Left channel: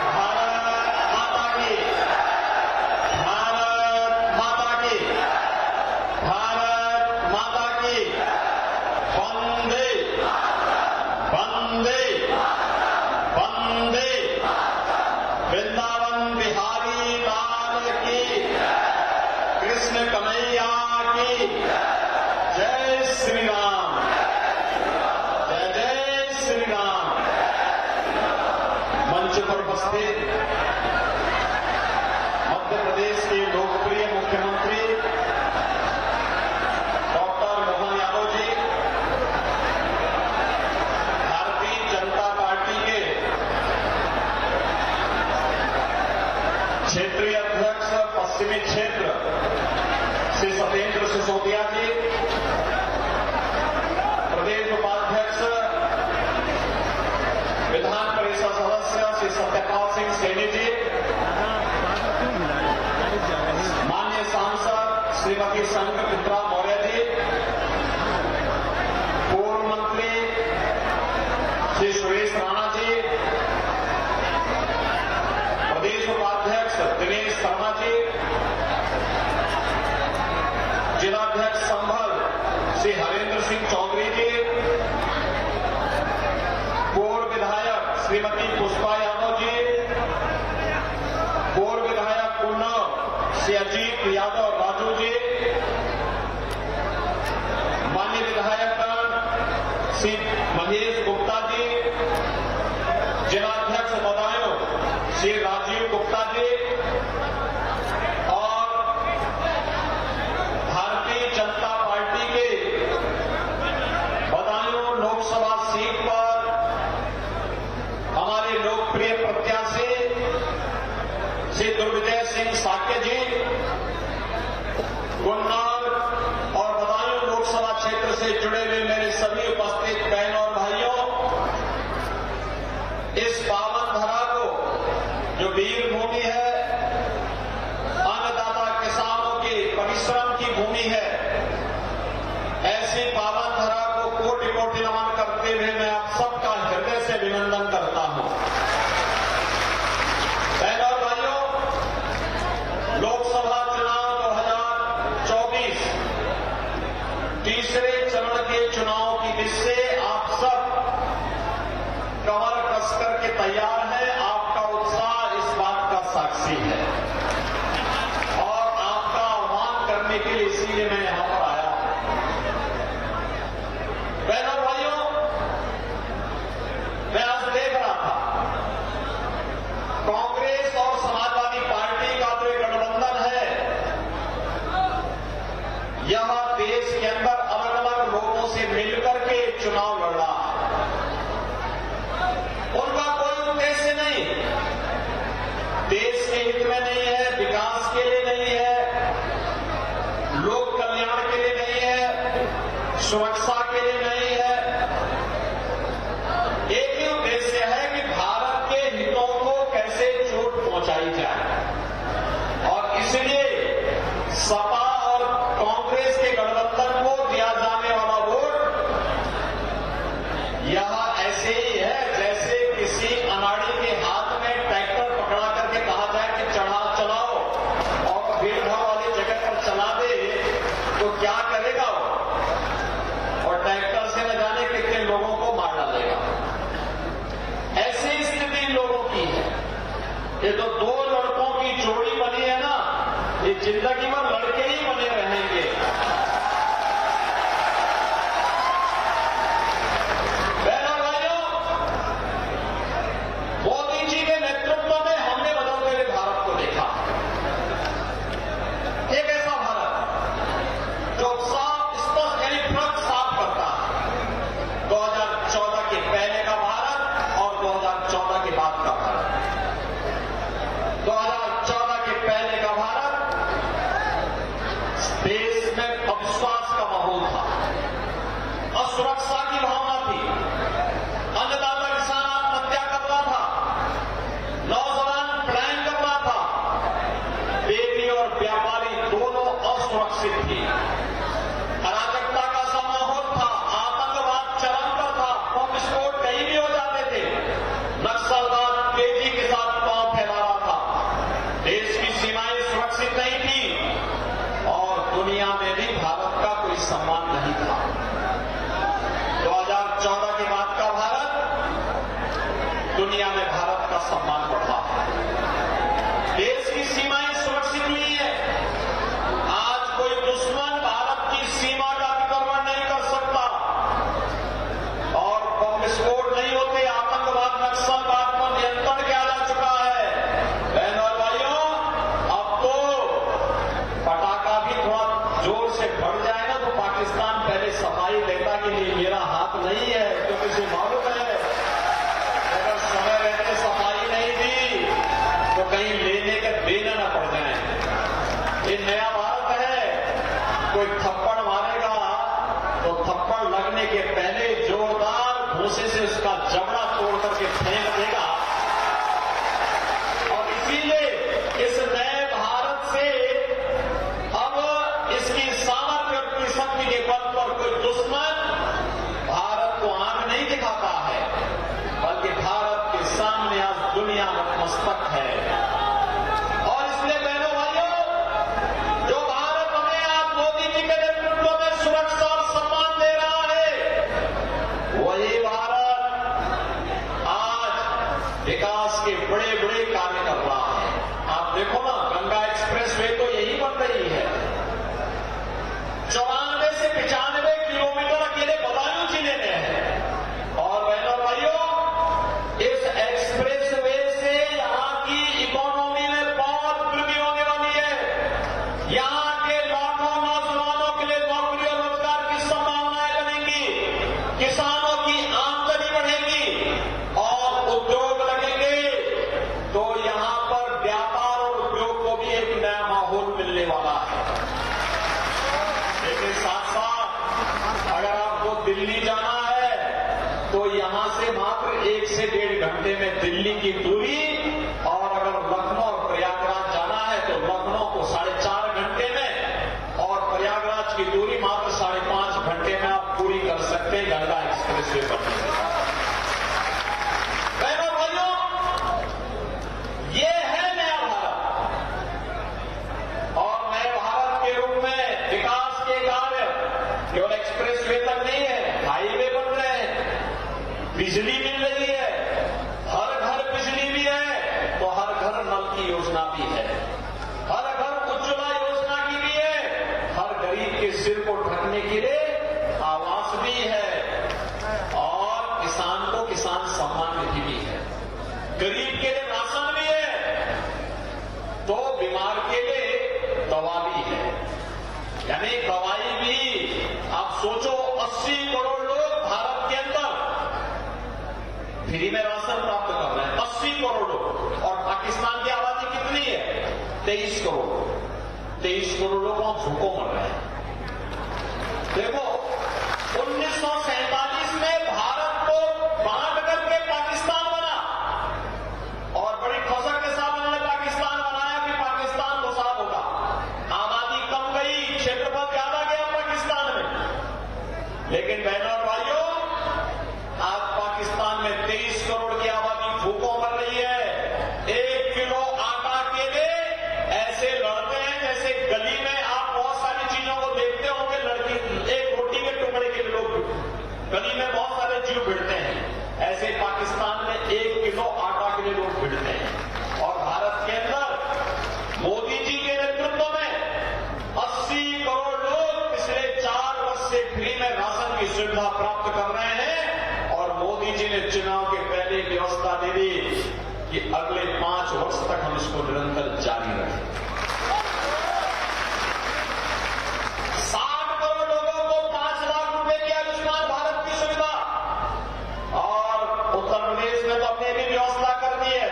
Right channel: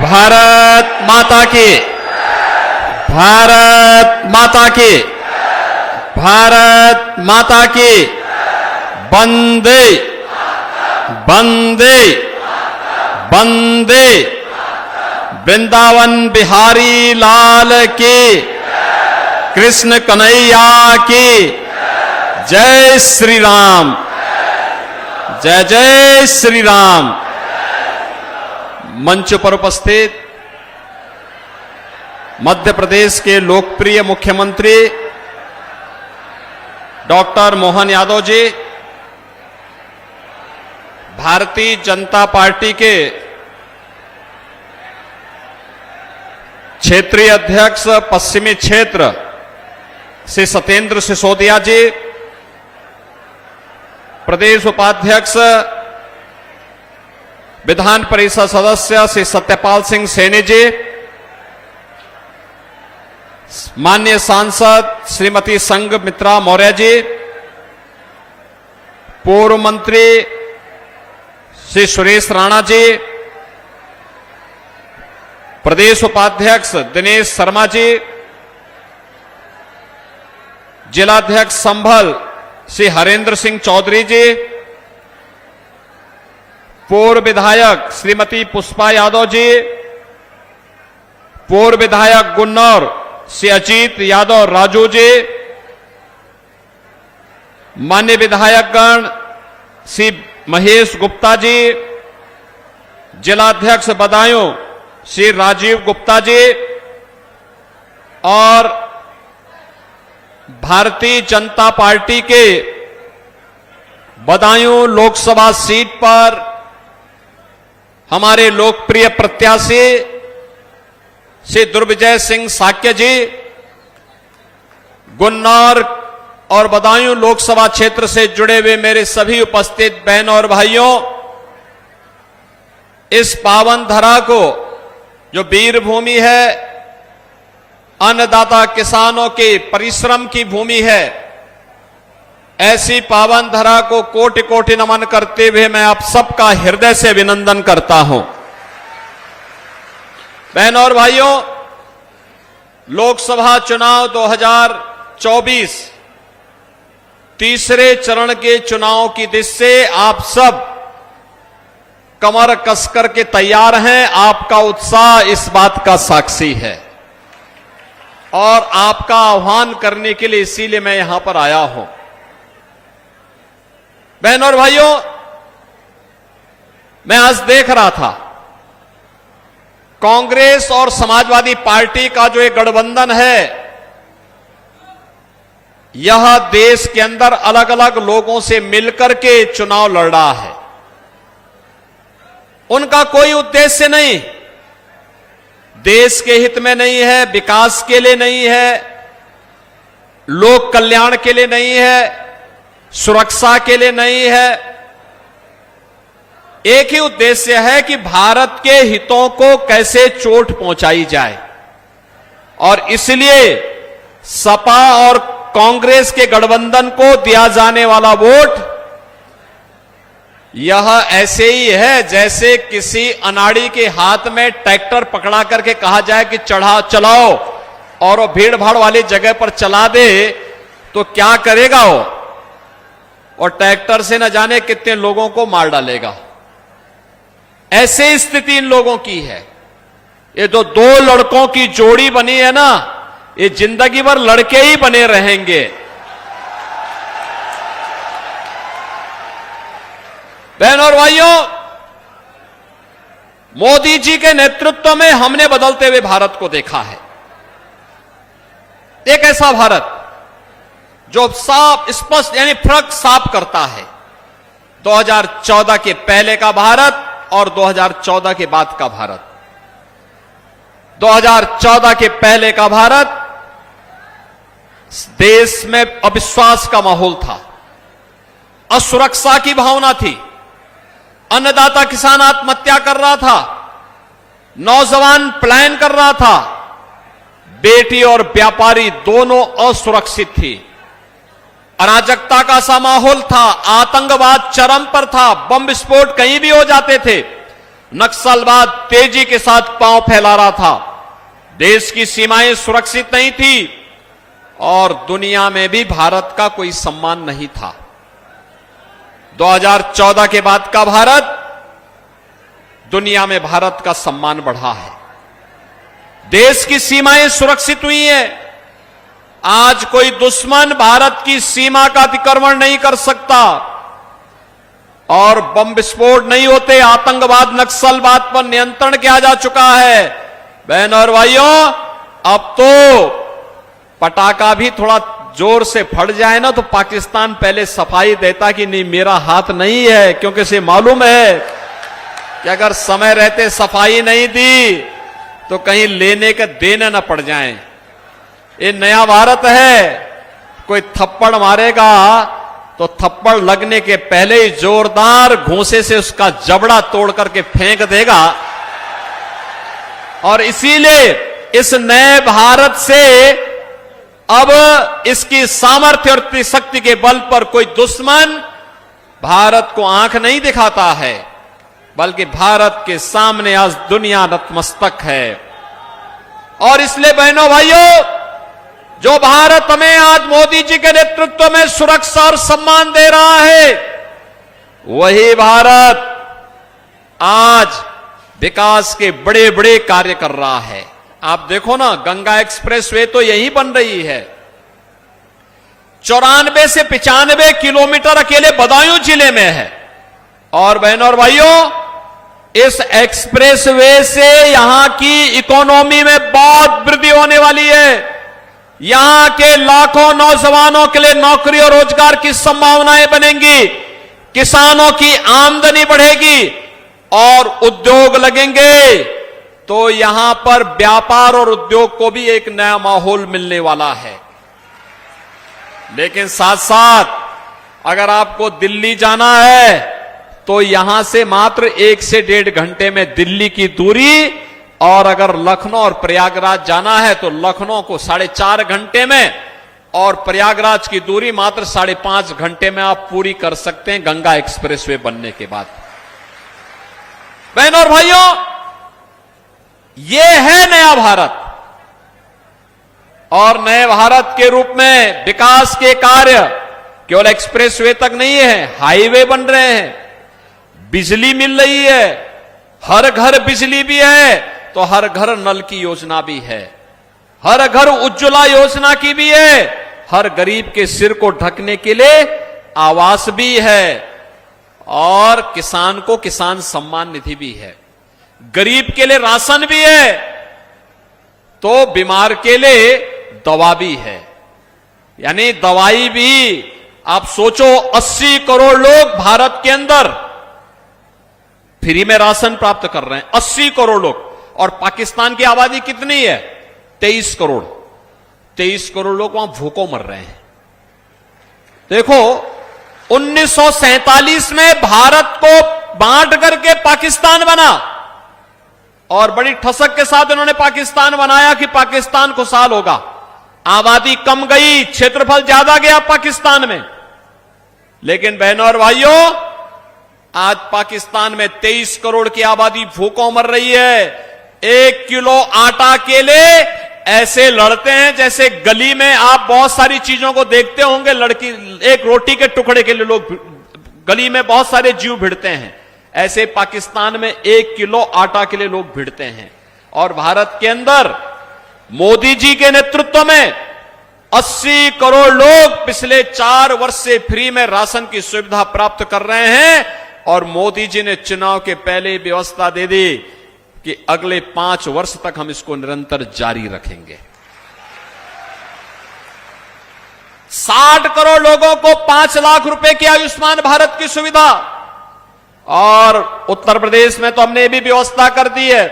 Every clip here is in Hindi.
भारत माता की, भारत माता की, भारत माता की। वंदे वंदे वंदे। वृंदावन बिहारी लाल की, कृष्ण कन्हैया की जय श्री राम, जय जय श्री राम। मंच पर उपस्थित मध्य प्रदेश के लोकप्रिय मुख्यमंत्री डॉक्टर मोहन यादव जी, भारतीय जनता पार्टी के क्षेत्रीय अध्यक्ष पश्चिमी क्षेत्र श्री सत्येंद्र सिसोदिया जी, प्रदेश उपाध्यक्ष विधान परिषद सदस्य श्री सत्यपाल सिंह सैनी जी, माननीय सांसद श्रीमती संघमित्रा मौर्य जी, पूर्व मंत्री श्री सुरेश राणा जी, प्रदेश उपाध्यक्ष दिनेश शर्मा जी, जिलाध्यक्ष संभल श्री हरेंद्र सिंह चौधरी जी, पूर्व विधायक श्रीमती पुष्पा यादव जी, पूर्व विधायक गुन्नौर श्री अजीत यादव राजू जी, मान्य विधायकगण श्री महेश गुप्ता जी, जिलाध्यक्ष बदायूं श्री राजीव गुप्ता जी और भारतीय जनता पार्टी के बदायूं लोकसभा सीट पर हमारे लोकप्रिय प्रत्याशी श्री दुर्विजय सिंह साक्य जी, गुन्नौर और बदायूं लोकसभा क्षेत्र से जुड़े हुए मेरे सभी उपस्थित बहनों और भाइयों, इस पावन धरा को जो वीर भूमि है, अन्नदाता किसानों के परिश्रम की भूमि है, ऐसी पावन धरा को कोटि कोटि नमन करते हुए मैं आप सबका हृदय से अभिनंदन करता हूं। बहनों और भाइयों, लोकसभा चुनाव 2024 तीसरे चरण के चुनाव की दिशा से आप सब कमर कसकर के तैयार हैं। आपका उत्साह इस बात का साक्षी है और आपका आह्वान करने के लिए इसीलिए मैं यहां पर आया हूं। बहनों और भाइयों, मैं आज देख रहा था कांग्रेस और समाजवादी पार्टी का जो एक गठबंधन है, यह देश के अंदर अलग अलग लोगों से मिलकर के चुनाव लड़ रहा है। उनका कोई उद्देश्य नहीं, देश के हित में नहीं है, विकास के लिए नहीं है, लोक कल्याण के लिए नहीं है, सुरक्षा के लिए नहीं है। एक ही उद्देश्य है कि भारत के हितों को कैसे चोट पहुंचाई जाए, और इसलिए सपा और कांग्रेस के गठबंधन को दिया जाने वाला वोट यह ऐसे ही है जैसे किसी अनाड़ी के हाथ में ट्रैक्टर पकड़ा करके कहा जाए कि चलाओ, और वो भीड़ भाड़ वाली जगह पर चला दे तो क्या करेगा वो, और ट्रैक्टर से न जाने कितने लोगों को मार डालेगा। ऐसे स्थिति इन लोगों की है। ये जो दो लड़कों की जोड़ी बनी है ना, ये जिंदगी भर लड़के ही बने रहेंगे। बहनों और भाइयों, मोदी जी के नेतृत्व में हमने बदलते हुए भारत को देखा है। एक ऐसा भारत जो साफ स्पष्ट यानी फर्क साफ करता है 2014 के पहले का भारत और 2014 के बाद का भारत। 2014 के पहले का भारत, देश में अविश्वास का माहौल था, असुरक्षा की भावना थी, अन्नदाता किसान आत्महत्या कर रहा था, नौजवान पलायन कर रहा था, बेटी और व्यापारी दोनों असुरक्षित थी, अराजकता का सा माहौल था, आतंकवाद चरम पर था, बम विस्फोट कहीं भी हो जाते थे, नक्सलवाद तेजी के साथ पांव फैला रहा था, देश की सीमाएं सुरक्षित नहीं थी और दुनिया में भी भारत का कोई सम्मान नहीं था। 2014 के बाद का भारत, दुनिया में भारत का सम्मान बढ़ा है, देश की सीमाएं सुरक्षित हुई हैं। आज कोई दुश्मन भारत की सीमा का अतिक्रमण नहीं कर सकता और बम विस्फोट नहीं होते। आतंकवाद, नक्सलवाद पर नियंत्रण किया जा चुका है। बहनों और भाइयों, अब तो पटाखा भी थोड़ा जोर से फट जाए ना तो पाकिस्तान पहले सफाई देता कि नहीं मेरा हाथ नहीं है, क्योंकि इसे मालूम है कि अगर समय रहते सफाई नहीं दी तो कहीं लेने के देने न पड़ जाएं। ये नया भारत है, कोई थप्पड़ मारेगा तो थप्पड़ लगने के पहले ही जोरदार घूंसे से उसका जबड़ा तोड़ करके फेंक देगा। और इसीलिए इस नए भारत से अब इसकी सामर्थ्य और शक्ति के बल पर कोई दुश्मन भारत को आंख नहीं दिखाता है, बल्कि भारत के सामने आज दुनिया नतमस्तक है। और इसलिए बहनों भाइयों, जो भारत हमें आज मोदी जी के नेतृत्व में सुरक्षा और सम्मान दे रहा है, वही भारत आज विकास के बड़े बड़े कार्य कर रहा है। आप देखो ना, गंगा एक्सप्रेसवे तो यही बन रही है। 94 से 95 किलोमीटर अकेले बदायूं जिले में है। और बहनों और भाइयों, इस एक्सप्रेसवे से यहां की इकोनॉमी में बहुत वृद्धि होने वाली है। यहां के लाखों नौजवानों के लिए नौकरी और रोजगार की संभावनाएं बनेंगी, किसानों की आमदनी बढ़ेगी और उद्योग लगेंगे, तो यहां पर व्यापार और उद्योग को भी एक नया माहौल मिलने वाला है। लेकिन साथ साथ अगर आपको दिल्ली जाना है तो यहां से मात्र 1 से 1.5 घंटे में दिल्ली की दूरी, और अगर लखनऊ और प्रयागराज जाना है तो लखनऊ को 4.5 घंटे में और प्रयागराज की दूरी मात्र 5.5 घंटे में आप पूरी कर सकते हैं गंगा एक्सप्रेसवे बनने के बाद। बहनों और भाइयों, यह है नया भारत। और नए भारत के रूप में विकास के कार्य केवल एक्सप्रेसवे तक नहीं है, हाईवे बन रहे हैं, बिजली मिल रही है, हर घर बिजली भी है तो हर घर नल की योजना भी है, हर घर उज्ज्वला योजना की भी है, हर गरीब के सिर को ढकने के लिए आवास भी है, और किसान को किसान सम्मान निधि भी है, गरीब के लिए राशन भी है, तो बीमार के लिए दवा भी है। यानी दवाई भी, आप सोचो 80 करोड़ लोग भारत के अंदर फ्री में राशन प्राप्त कर रहे हैं, 80 करोड़ लोग। और पाकिस्तान की आबादी कितनी है? 23 करोड़। 23 करोड़ लोग वहां भूखों मर रहे हैं। देखो, 1947 में भारत को बांट करके पाकिस्तान बना और बड़ी ठसक के साथ उन्होंने पाकिस्तान बनाया कि पाकिस्तान खुशहाल होगा। आबादी कम गई, क्षेत्रफल ज्यादा गया पाकिस्तान में, लेकिन बहनों और भाइयों, आज पाकिस्तान में 23 करोड़ की आबादी भूखों मर रही है। 1 किलो आटा के लिए ऐसे लड़ते हैं जैसे गली में आप बहुत सारी चीजों को देखते होंगे, लड़की एक रोटी के टुकड़े के लिए लोग गली में बहुत सारे जीव भिड़ते हैं, ऐसे पाकिस्तान में 1 किलो आटा के लिए लोग भिड़ते हैं। और भारत के अंदर मोदी जी के नेतृत्व में 80 करोड़ लोग पिछले 4 वर्ष से फ्री में राशन की सुविधा प्राप्त कर रहे हैं। और मोदी जी ने चुनाव के पहले ही व्यवस्था दे दी कि अगले 5 वर्ष तक हम इसको निरंतर जारी रखेंगे। 60 करोड़ लोगों को 5 लाख रुपए की आयुष्मान भारत की सुविधा। और उत्तर प्रदेश में तो हमने ये भी व्यवस्था कर दी है,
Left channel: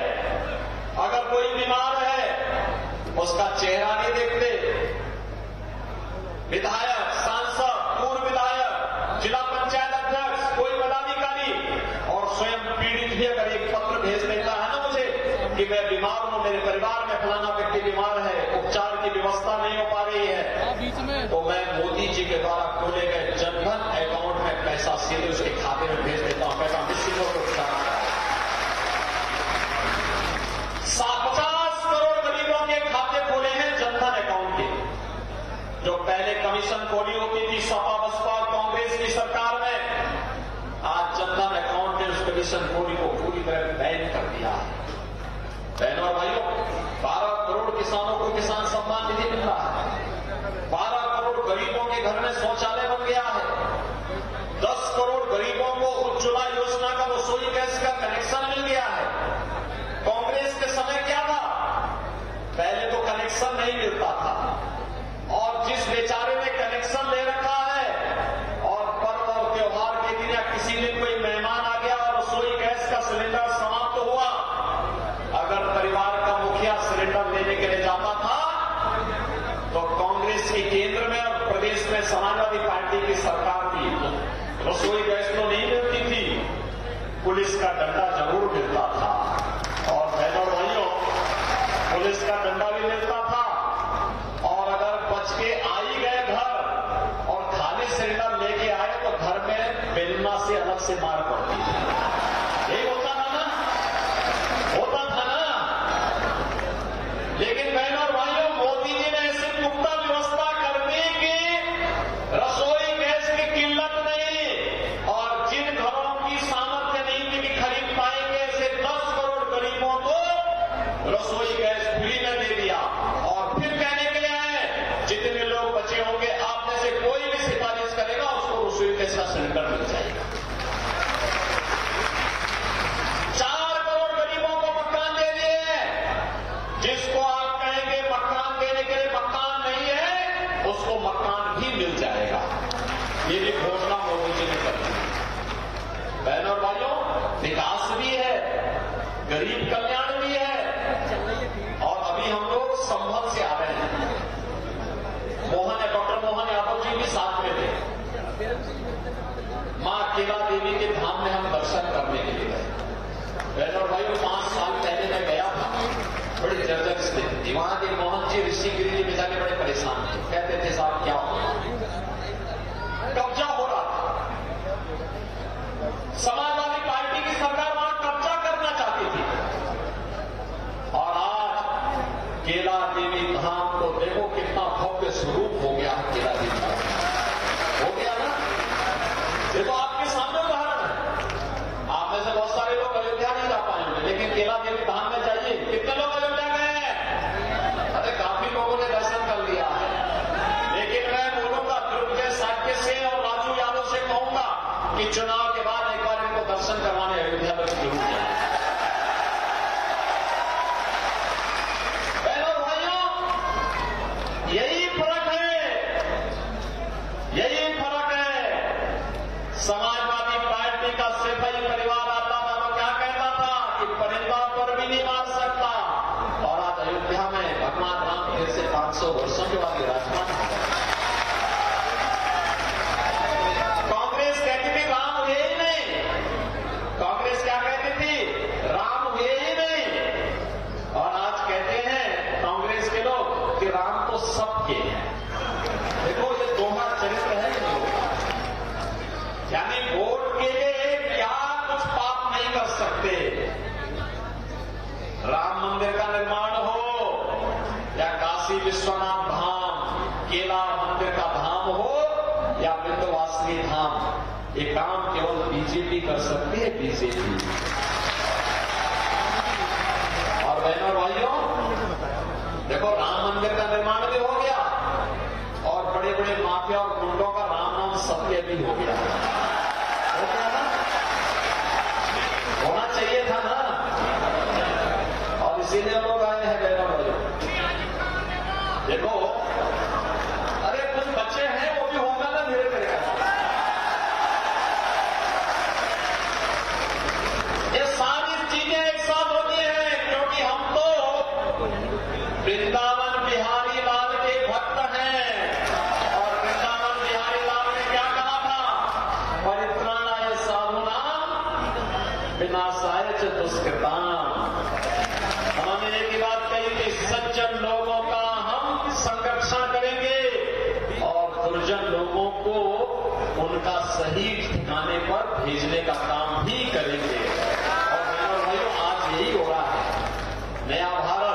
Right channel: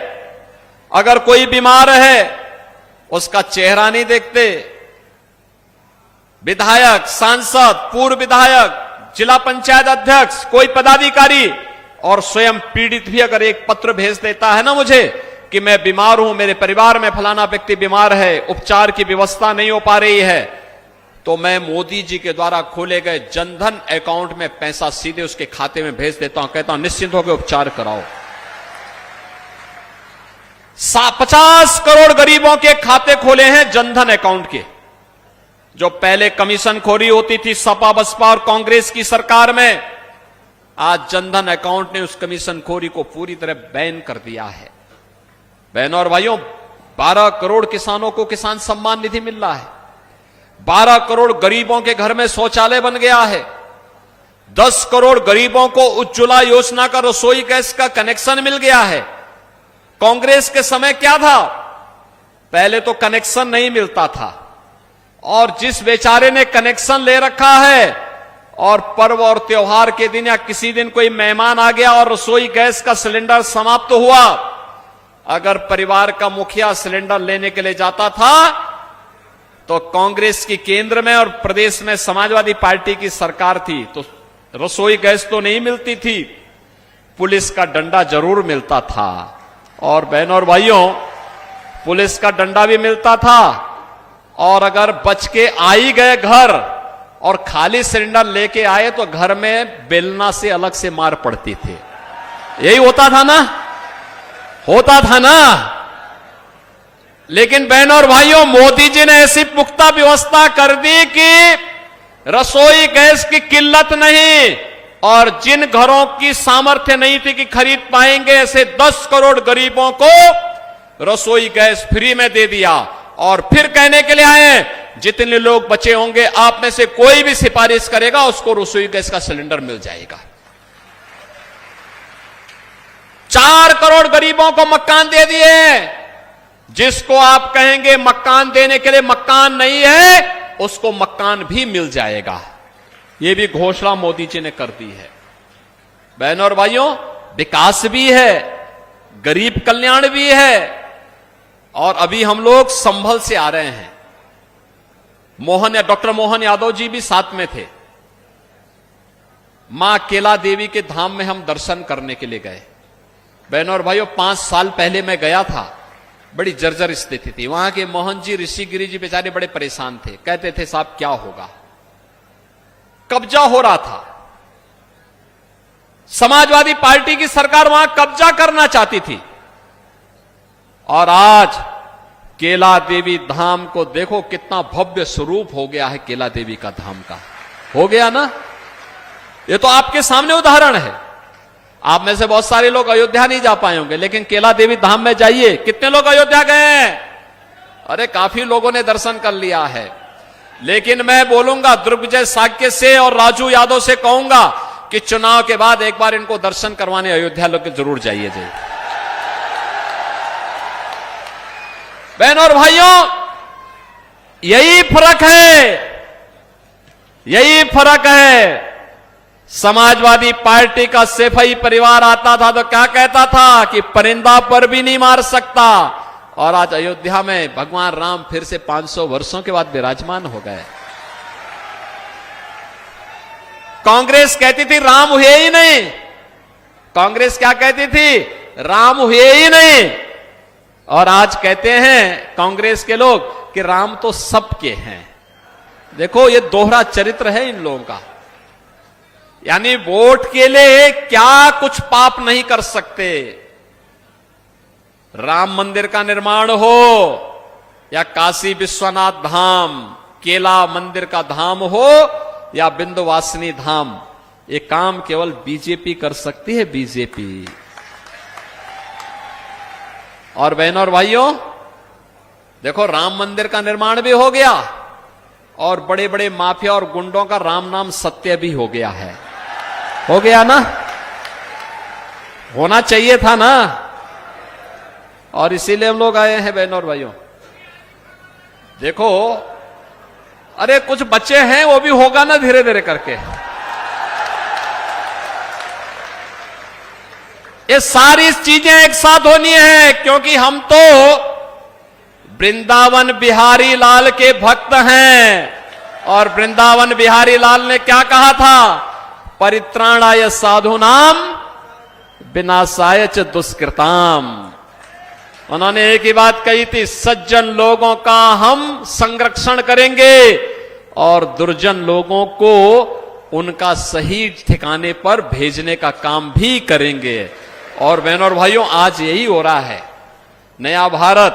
अगर कोई बीमार है उसका चेहरा नहीं देखते, विधायक, सांसद, पूर्व विधायक, जिला पंचायत अध्यक्ष, कोई पदाधिकारी और स्वयं पीड़ित भी अगर एक पत्र भेज देता है ना मुझे कि मैं बीमार हूं, मेरे परिवार में फलाना व्यक्ति बीमार है, उपचार की व्यवस्था नहीं हो पा रही है, तो मैं मोदी जी के द्वारा खोले गए जनधन अकाउंट में पैसा सीधे उसके खाते में भेज देता हूं, कहता हूं निश्चिंत होकर उपचार कराओ। 50 करोड़ गरीबों के खाते खोले हैं जनधन अकाउंट के। जो पहले कमीशन खोरी होती थी सपा बसपा और कांग्रेस की सरकार में, आज जनधन अकाउंट ने उस कमीशन खोरी को पूरी तरह बैन कर दिया है। बहनों और भाइयों, 12 करोड़ किसानों को किसान सम्मान निधि मिल रहा है। 12 करोड़ गरीबों के घर में शौचालय बन गया है। 10 करोड़ गरीबों को उज्ज्वला योजना का रसोई गैस का कनेक्शन मिल गया है। कांग्रेस के समय क्या था, पहले तो कनेक्शन नहीं मिलता था, और जिस बेचारे ने कनेक्शन ले रखा है और पर्व और त्योहार के दिन या किसी दिन कोई मेहमान आ गया और रसोई गैस का सिलेंडर समाप्त हुआ, अगर परिवार का मुखिया सिलेंडर लेने के लिए जाता था तो कांग्रेस की केंद्र में और प्रदेश में समाजवादी पार्टी की सरकार थी, तो रसोई गैस तो नहीं मिलती थी, पुलिस का डंडा जरूर मिलता था। और बहनों और भाइयों, पुलिस का डंडा भी मिलता था, और अगर बच के आ ही गए घर और खाली सिलेंडर लेके आए तो घर में बेलना से अलग से मार पड़ती थी। यही होता था ना, होता था ना। लेकिन बहनों और भाइयों, मोदी जी ने ऐसी पुख्ता व्यवस्था कर दी कि रसोई गैस की किल्लत नहीं, और जिन घरों की सामर्थ्य नहीं थी कि खरीद पाएंगे, ऐसे 10 करोड़ गरीबों को रसोई गैस फ्री में दे दिया। और फिर कहने के लिए आए, जितने लोग बचे होंगे आप में से कोई भी सिफारिश करेगा उसको रसोई गैस का सिलेंडर मिल जाएगा। 4 करोड़ गरीबों को मकान दे दिए। जिसको आप कहेंगे मकान देने के लिए मकान नहीं है, उसको मकान भी मिल जाएगा। ये भी घोषणा मोदी जी ने कर दी। बहनों और भाइयों, विकास भी है, गरीब कल्याण भी है, और अभी हम लोग संभल से आ रहे हैं। डॉक्टर मोहन यादव जी भी साथ में थे। मां केला देवी के धाम में हम दर्शन करने के लिए गए। बहनों और भाइयों, 5 साल पहले मैं गया था, बड़ी जर्जर स्थिति थी वहां के। मोहन जी, ऋषिगिरी जी बेचारे बड़े परेशान थे, कहते थे साहब क्या होगा, कब्जा हो रहा था। समाजवादी पार्टी की सरकार वहां कब्जा करना चाहती थी। और आज केला देवी धाम को देखो, कितना भव्य स्वरूप हो गया है केला देवी का धाम का, हो गया ना। ये तो आपके सामने उदाहरण है। आप में से बहुत सारे लोग अयोध्या नहीं जा पाए होंगे, लेकिन केला देवी धाम में जाइए। कितने लोग अयोध्या गए हैं? अरे काफी लोगों ने दर्शन कर लिया है। लेकिन मैं बोलूंगा, दुर्गजय साक्य से और राजू यादव से कहूंगा कि चुनाव के बाद एक बार इनको दर्शन करवाने अयोध्या लोग जरूर जाइए। बहनों और भाइयों, यही फर्क है, यही फर्क है। समाजवादी पार्टी का सेफई परिवार आता था तो क्या कहता था कि परिंदा पर भी नहीं मार सकता, और आज अयोध्या में भगवान राम फिर से 500 वर्षों के बाद विराजमान हो गए। कांग्रेस कहती थी राम हुए ही नहीं। कांग्रेस क्या कहती थी? राम हुए ही नहीं। और आज कहते हैं कांग्रेस के लोग कि राम तो सबके हैं। देखो, ये दोहरा चरित्र है इन लोगों का। यानी वोट के लिए क्या कुछ पाप नहीं कर सकते। राम मंदिर का निर्माण हो या काशी विश्वनाथ धाम, केला मंदिर का धाम हो या विंध्यवासिनी धाम, ये काम केवल बीजेपी कर सकती है, बीजेपी। और बहनों और भाइयों, देखो, राम मंदिर का निर्माण भी हो गया और बड़े बड़े माफिया और गुंडों का राम नाम सत्य भी हो गया है। हो गया ना, होना चाहिए था ना। और इसीलिए हम लोग आए हैं। बहनों और भाइयों, देखो, अरे कुछ बच्चे हैं, वो भी होगा ना धीरे धीरे करके। ये सारी चीजें एक साथ होनी है, क्योंकि हम तो वृंदावन बिहारी लाल के भक्त हैं। और वृंदावन बिहारी लाल ने क्या कहा था? परित्राणाय साधूनाम विनाशाय च दुष्कृताम। उन्होंने एक ही बात कही थी, सज्जन लोगों का हम संरक्षण करेंगे और दुर्जन लोगों को उनका सही ठिकाने पर भेजने का काम भी करेंगे। और बहनों और भाइयों, आज यही हो रहा है। नया भारत,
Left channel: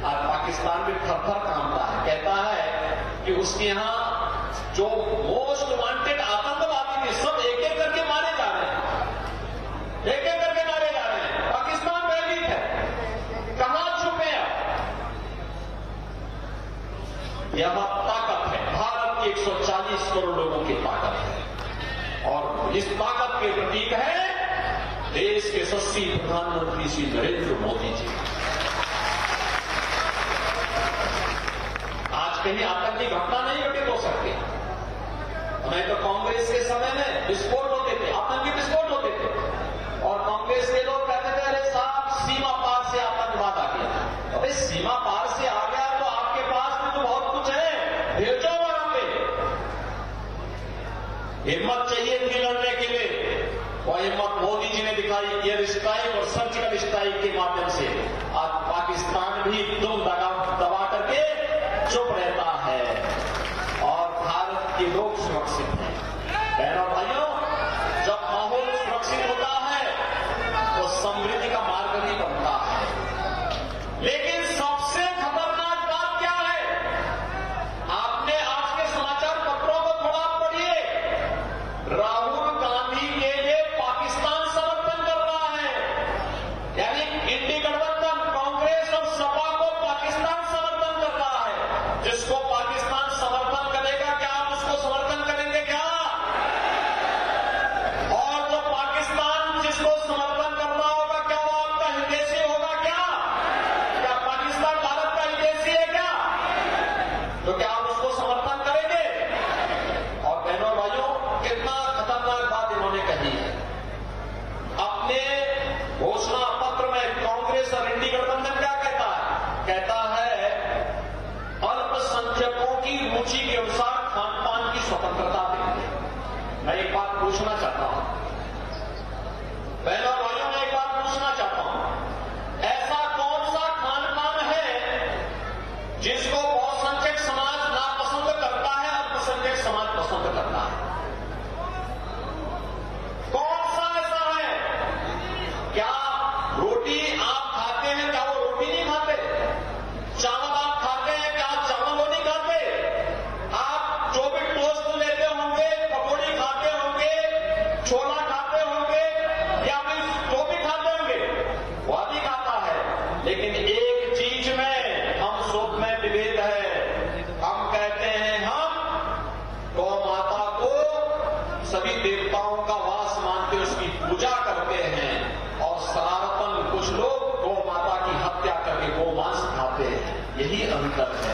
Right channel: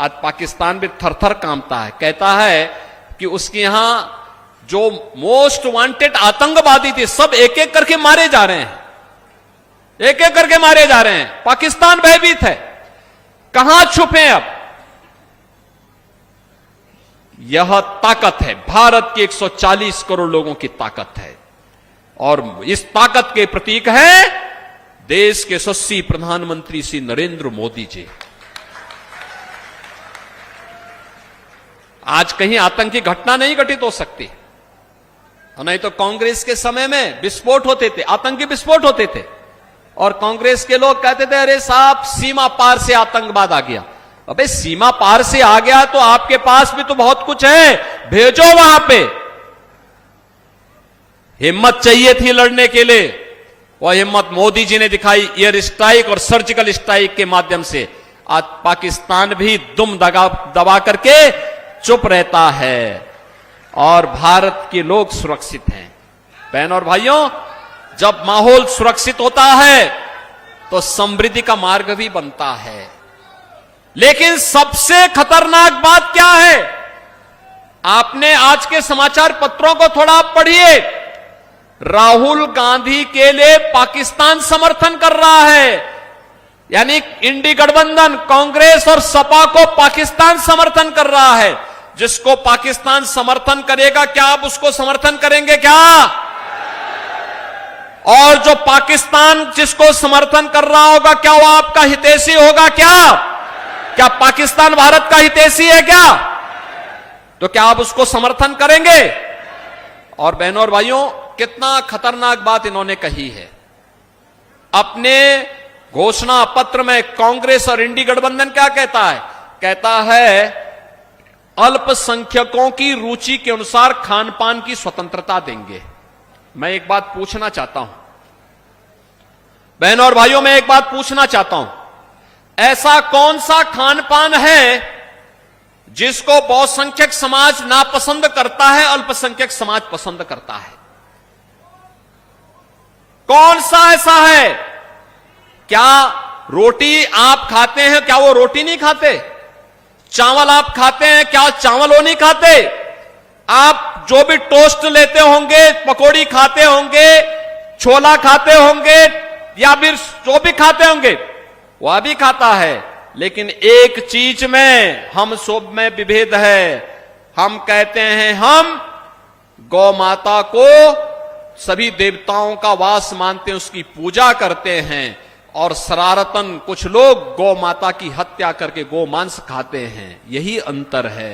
आज पाकिस्तान भी थर-थर कांपता है, कहता है कि उसके यहां जो मोस्ट वांटेड आतंकवादी थे सब एक एक करके मारे जा रहे हैं, एक एक करके मारे जा रहे हैं। पाकिस्तान भयभीत है, कहां छुपे अब? यह ताकत है, भारत के 140 करोड़ लोगों की ताकत है, और इस ताकत के प्रतीक है देश के यशस्वी प्रधानमंत्री श्री नरेंद्र मोदी जी। आज कहीं आतंकी घटना नहीं घटित हो सकती, नहीं तो कांग्रेस के समय में विस्फोट होते थे, आतंकी विस्फोट होते थे, और कांग्रेस के लोग कहते थे अरे साहब सीमा पार से आतंकवाद आ गया। अबे सीमा पार से आ गया तो आपके पास भी तो बहुत कुछ है, भेजो वहां पे। हिम्मत चाहिए थी लड़ने के लिए, वह हिम्मत मोदी जी ने दिखाई एयर स्ट्राइक और सर्जिकल स्ट्राइक के माध्यम से। आज पाकिस्तान भी दुम दबा करके चुप रहता है और भारत के लोग सुरक्षित हैं। बहनों और भाइयों, जब माहौल सुरक्षित होता है तो समृद्धि का मार्ग भी बनता है। लेकिन सबसे खतरनाक बात क्या है? आपने आज के समाचार पत्रों को थोड़ा आप पढ़िए। राहुल गांधी के लिए पाकिस्तान समर्थन कर रहा है, यानी इंडी गठबंधन कांग्रेस और सपा को पाकिस्तान समर्थन कर रहा है। जिसको पाकिस्तान समर्थन करेगा, क्या आप उसको समर्थन करेंगे क्या? और जो पाकिस्तान जिसको समर्थन कर रहा होगा, क्या वो आपका हितैषी होगा क्या? क्या पाकिस्तान भारत का हितैषी है क्या? तो क्या आप उसको समर्थन करेंगे? और बहनों और भाइयों, कितना खतरनाक बात इन्होंने कही है। अपने घोषणा पत्र में कांग्रेस और इंडी गठबंधन क्या कहता है? कहता है अल्पसंख्यकों की रुचि के अनुसार खान पान की स्वतंत्रता देंगे। मैं एक बात पूछना चाहता हूं बहनों और भाइयों, मैं एक बात पूछना चाहता हूं, ऐसा कौन सा खान पान है जिसको बहुसंख्यक समाज नापसंद करता है, अल्पसंख्यक समाज पसंद करता है? कौन सा ऐसा है? क्या रोटी आप खाते हैं, क्या वो रोटी नहीं खाते? चावल आप खाते हैं, क्या चावल वो नहीं खाते? आप जो भी टोस्ट लेते होंगे, पकौड़ी खाते होंगे, छोला खाते होंगे, या फिर जो भी खाते होंगे वह भी खाता है। लेकिन एक चीज में हम सब में विभेद है। हम कहते हैं हम गौ माता को सभी देवताओं का वास मानते, उसकी पूजा करते हैं, और शरारतन कुछ लोग गौ माता की हत्या करके गौ मांस खाते हैं। यही अंतर है।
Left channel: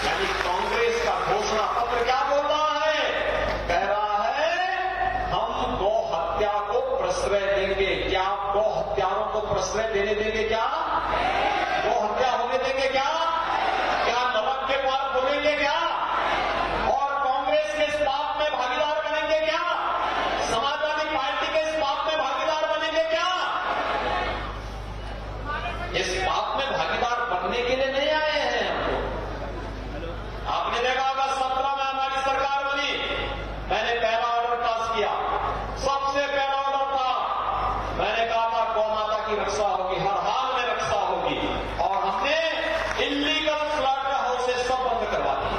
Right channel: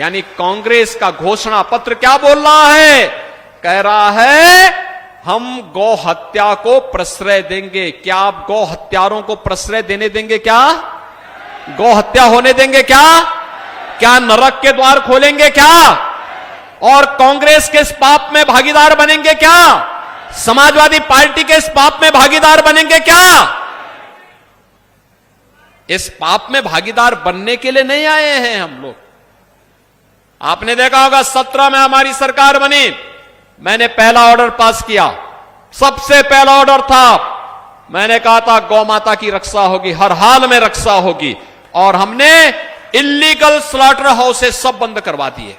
यानी कांग्रेस का घोषणा पत्र क्या बोल रहा है? कह रहा है हम गौ हत्या को प्रश्रय देंगे। क्या आप गौ हत्यारों को प्रश्रय देने देंगे क्या? गौ हत्या होने देंगे क्या? क्या नरक के द्वार खोलेंगे क्या? और कांग्रेस के इस पाप में भागीदार बनेंगे क्या? समाजवादी पार्टी के इस पाप में भागीदार बनेंगे क्या? इस पाप में भागीदार बनने के लिए नहीं आए हैं हम लोग। आपने देखा होगा 17 में हमारी सरकार बनी, मैंने पहला ऑर्डर पास किया। सबसे पहला ऑर्डर था, मैंने कहा था गौ माता की रक्षा होगी, हर हाल में रक्षा होगी, और हमने इलीगल स्लॉटर हाउसेस सब बंद करवा दिए।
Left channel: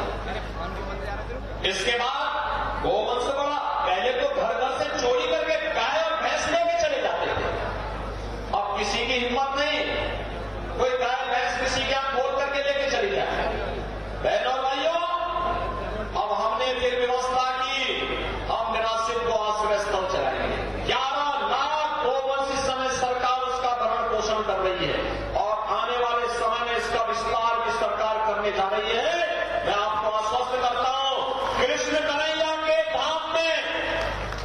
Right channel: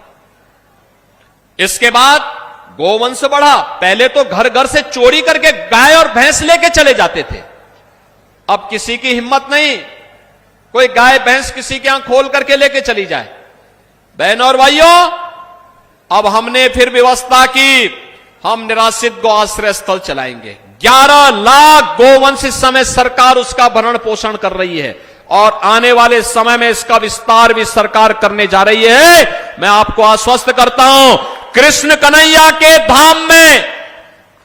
इसके बाद गोवंश बढ़ा। पहले तो घर घर से चोरी करके गाय और भैंस लेके चले जाते थे, अब किसी की हिम्मत नहीं कोई गाय भैंस किसी के यहां खोल करके लेके चली जाए। बहनों और भाइयों, अब हमने फिर व्यवस्था की, हम निराश्रित गौ आश्रय स्थल चलाएंगे। 11 लाख गोवंश इस समय सरकार उसका भरण पोषण कर रही है, और आने वाले समय में इसका विस्तार भी सरकार करने जा रही है। मैं आपको आश्वस्त करता हूं, कृष्ण कन्हैया के धाम में,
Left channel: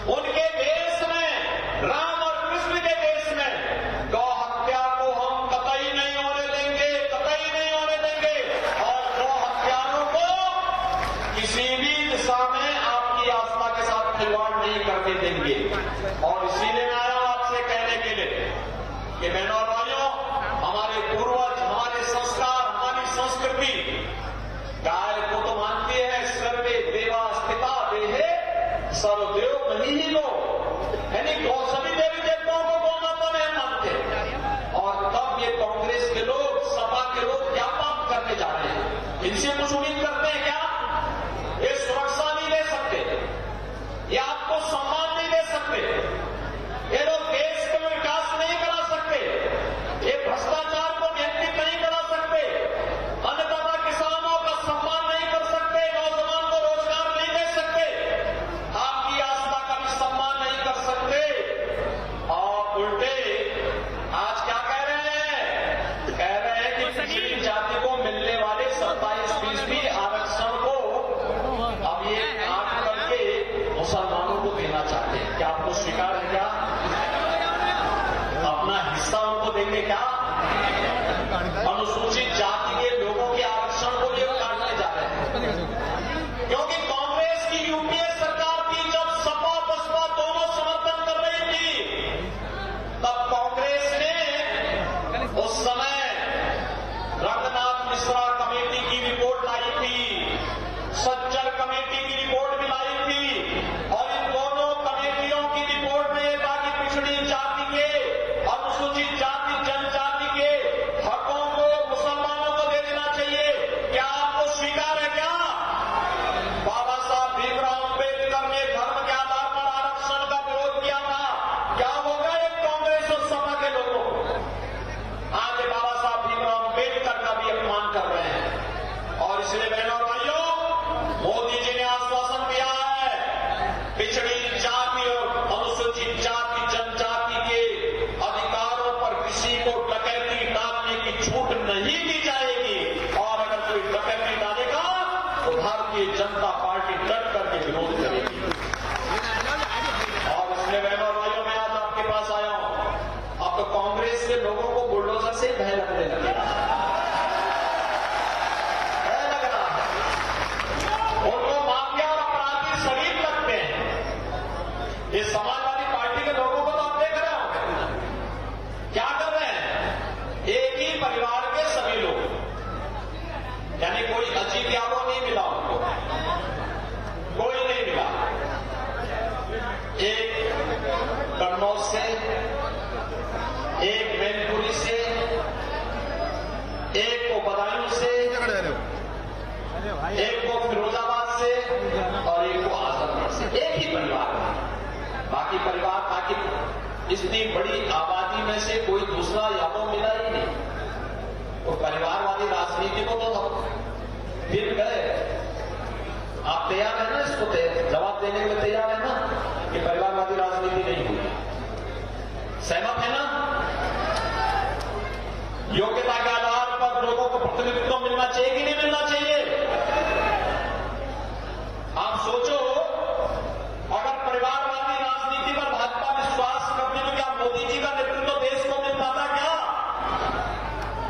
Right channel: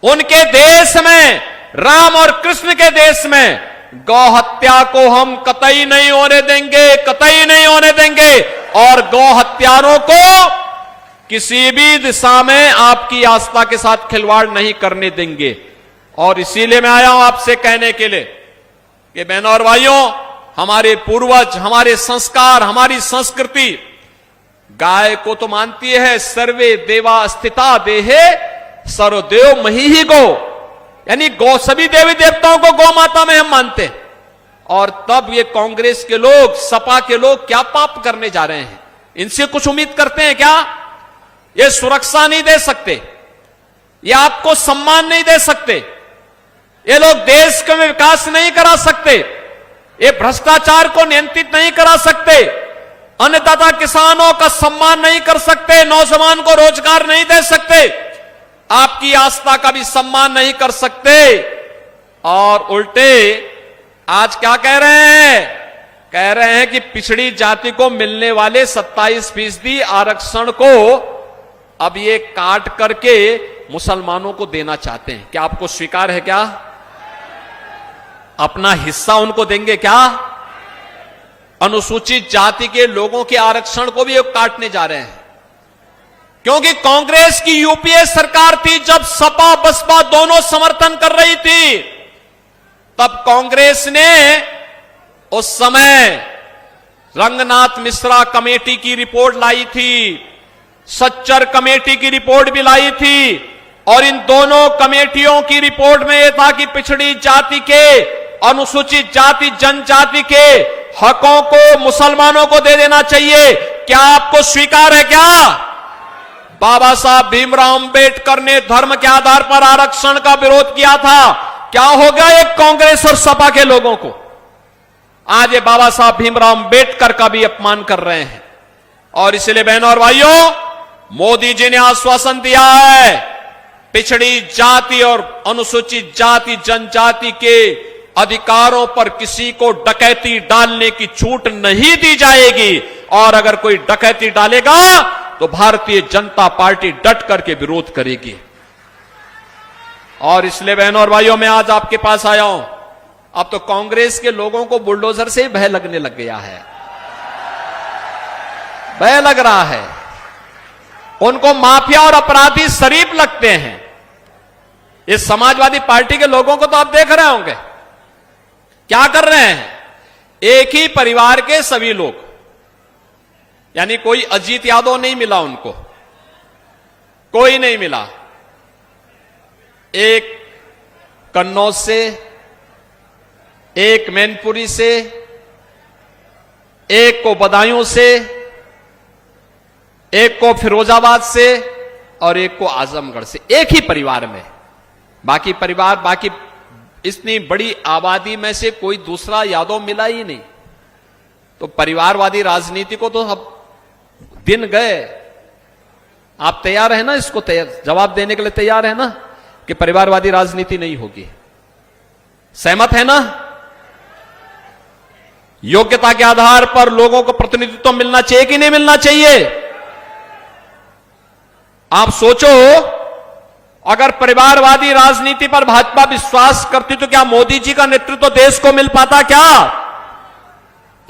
उनके देश में, राम और कृष्ण के देश में गौ हत्या को हम कतई नहीं होने देंगे, कतई नहीं होने देंगे। और गौ हत्यारों को किसी भी दिशा में आपकी आस्था के साथ खिलवाड़ नहीं करने देंगे। और इसीलिए मैं आया हूं आपसे कहने के लिए कि बहनों और भाइयों, हमारे पूर्वज, हमारे संस्कार, हमारी संस्कृति गाय को तो मानती है, सर्वे देवा स्थिता देहे सर्वदेव मही ही गो, यानी गौ, सभी देवी देवताओं को गौ माता में हम मानते हैं। और तब ये कांग्रेस के लोग, सपा के लोग क्या पाप करने जा रहे हैं? इनसे कुछ उम्मीद करते हैं क्या? ये सुरक्षा नहीं दे सकते, ये आपको सम्मान नहीं दे सकते, ये लोग देश का विकास नहीं करा सकते, ये भ्रष्टाचार को नियंत्रित नहीं करा सकते, अन्नदाता किसानों का सम्मान नहीं कर सकते, नौजवान को रोजगार नहीं दे सकते, आपकी आस्था का भी सम्मान नहीं कर सकते। और उल्टे आज क्या कह रहे हैं? कह रहे हैं कि पिछड़ी जाति को मिलने वाले 27% आरक्षण को अब ये काट करके मुसलमानों को देना चाहते हैं। क्या आपको स्वीकार है? क्या अपना हिस्सा उनको देंगे? क्या अनुसूचित जाति के लोगों के आरक्षण को भी काटने जा रहे हैं? क्योंकि कांग्रेस की यूपीए सरकार थी, जब सपा बसपा दोनों समर्थन कर रही थी, तब कांग्रेस ने उस समय रंगनाथ मिश्रा कमेटी की रिपोर्ट लाई थी, सच्चर कमेटी की रिपोर्ट भी लाई थी, और इन दोनों कमेटियों की रिपोर्ट में यह था कि पिछड़ी जाति के, अनुसूचित जाति जनजाति के हकों को मुसलमानों को दे देना चाहिए। क्या आपको स्वीकार है? क्या बाबा साहब भीमराव अंबेडकर ने धर्म के आधार पर आरक्षण का विरोध किया था? क्या हो गया एक कांग्रेस और सपा के लोगों को? आज ये बाबा साहब भीमराव अंबेडकर का भी अपमान कर रहे हैं। और इसलिए बहनों और भाइयों, मोदी जी ने आश्वासन दिया है, पिछड़ी जाति और अनुसूचित जाति जनजाति के अधिकारों पर किसी को डकैती डालने की छूट नहीं दी जाएगी, और अगर कोई डकैती डालेगा तो भारतीय जनता पार्टी डट करके विरोध करेगी। और इसलिए बहनों और भाइयों, मैं आज आपके पास आया हूं। अब तो कांग्रेस के लोगों को बुलडोजर से भय लगने लग गया है, भय लग रहा है। उनको माफिया और अपराधी शरीफ लगते हैं। इस समाजवादी पार्टी के लोगों को तो आप देख रहे होंगे क्या कर रहे हैं। एक ही परिवार के सभी लोग, यानी कोई अजीत यादव नहीं मिला उनको, कोई नहीं मिला। एक कन्नौज से, एक मैनपुरी से, एक को बदायूं से, एक को फिरोजाबाद से, और एक को आजमगढ़ से, एक ही परिवार में। बाकी परिवार, बाकी इतनी बड़ी आबादी में से कोई दूसरा यादव मिला ही नहीं। तो परिवारवादी राजनीति को तो अब दिन गए। आप तैयार है ना इसको जवाब देने के लिए? तैयार है ना कि परिवारवादी राजनीति नहीं होगी? सहमत है ना? योग्यता के आधार पर लोगों को प्रतिनिधित्व मिलना चाहिए कि नहीं मिलना चाहिए? आप सोचो, अगर परिवारवादी राजनीति पर भाजपा विश्वास करती तो क्या मोदी जी का नेतृत्व देश को मिल पाता? क्या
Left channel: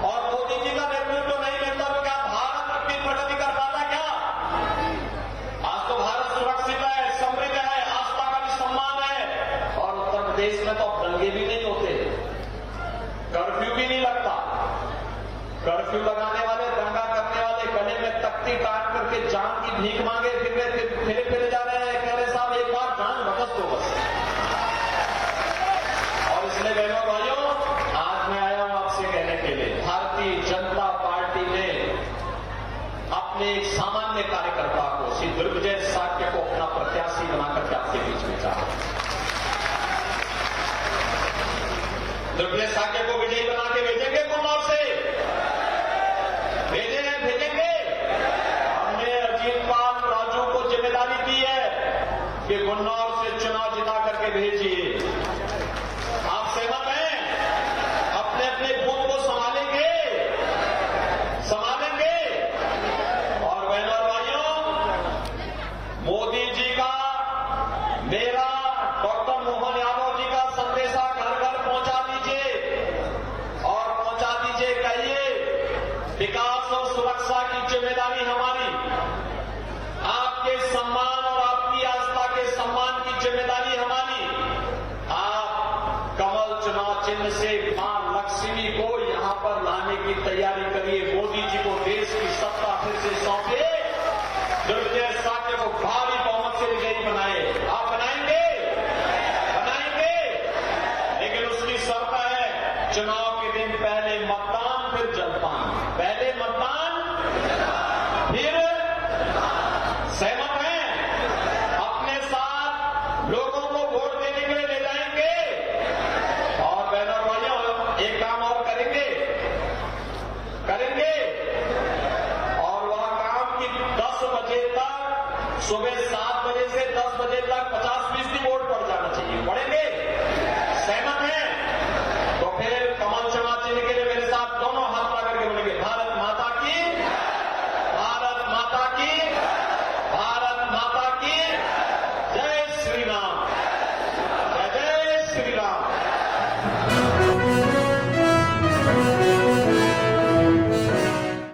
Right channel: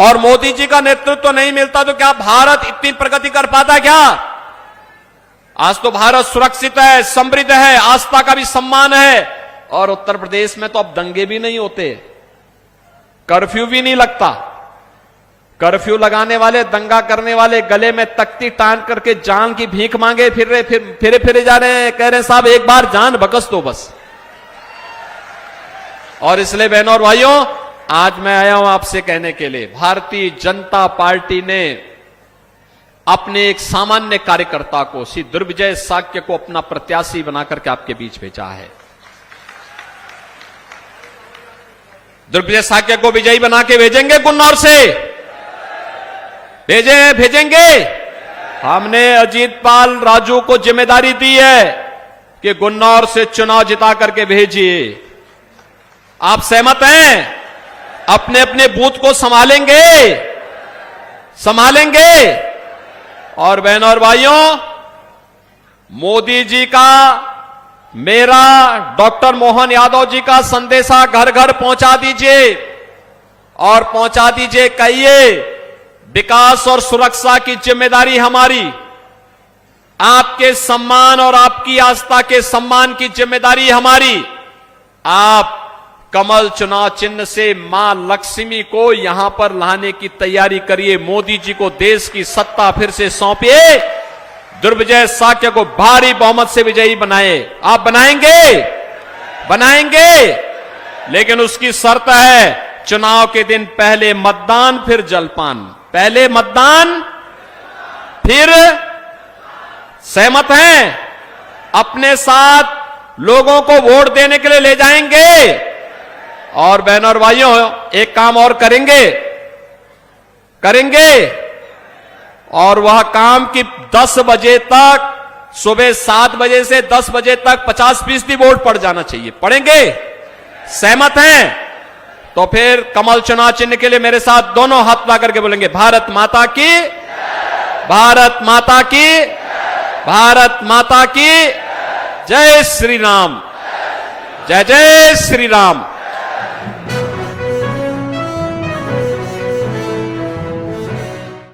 और मोदी जी का नेतृत्व नहीं मिलता तो क्या भारत इतनी प्रगति कर पाता? क्या आज तो भारत सुरक्षित है, समृद्ध है, आस्था का भी सम्मान है। और उत्तर प्रदेश में तो अब दंगे भी नहीं होते, कर्फ्यू भी नहीं लगता। कर्फ्यू लगाने वाले, दंगा करने वाले गले में तख्ती टांग करके जान की भीख मांगे फिरे जा रहे हैं, कह रहे हैं साहब एक बार जान बकस दो बस। और इसलिए बहनों और भाइयों, आज मैं आया हूं आपसे कहने के लिए, भारतीय जनता पार्टी ने अपने एक सामान्य कार्यकर्ता को, श्री दुर्विजय साक्य को अपना प्रत्याशी बनाकर के आपके बीच में भेजा है। दुर्विजय साक्य को विजयी बना के भेजेंगे गुन्नौर से, भेजेंगे। हमने अजीत पाल राजू को जिम्मेदारी दी है कि गुन्नौर से चुनाव जिता करके भेजिए। आप सहमत हैं? अपने अपने बूथ को संभालेंगे। और बहनों और भाइयों, मोदी जी का, मेरा, डॉक्टर मोहन यादव जी का संदेशा घर घर पहुंचा दीजिए, और पहुंचा दीजिए, कहिए विकास और सुरक्षा की जिम्मेदारी हमारी, आपके सम्मान और आपकी आस्था के सम्मान की जिम्मेदारी हमारी। आप कमल चुनाव चिन्ह से मां लक्ष्मी को यहां पर लाने की तैयारी करिए। मोदी जी को देश की सत्ता फिर से सौंपिए, दुर्विजय साक्य को भारी बहुमत से विजयी बनाए। आप बनाएंगे, लेकिन उसकी शर्त है चुनाव के दिन पहले मतदान फिर जलपान, पहले मतदान फिर। सहमत हैं? अपने साथ लोगों को वोट देने के लिए ले जाएंगे। और बहनों और भाइयों, एक काम और करेंगे और वह काम कि 10 बजे तक, सुबह 7 बजे से 10 बजे तक 50% वोट पड़ जाना चाहिए। पड़ेंगे? सहमत हैं? तो फिर कमल चुनाव चिन्ह के लिए मेरे साथ दोनों हाथ ला करके बोलेंगे, भारत माता की, भारत माता की, भारत माता की जय श्री राम, जय जय श्री राम।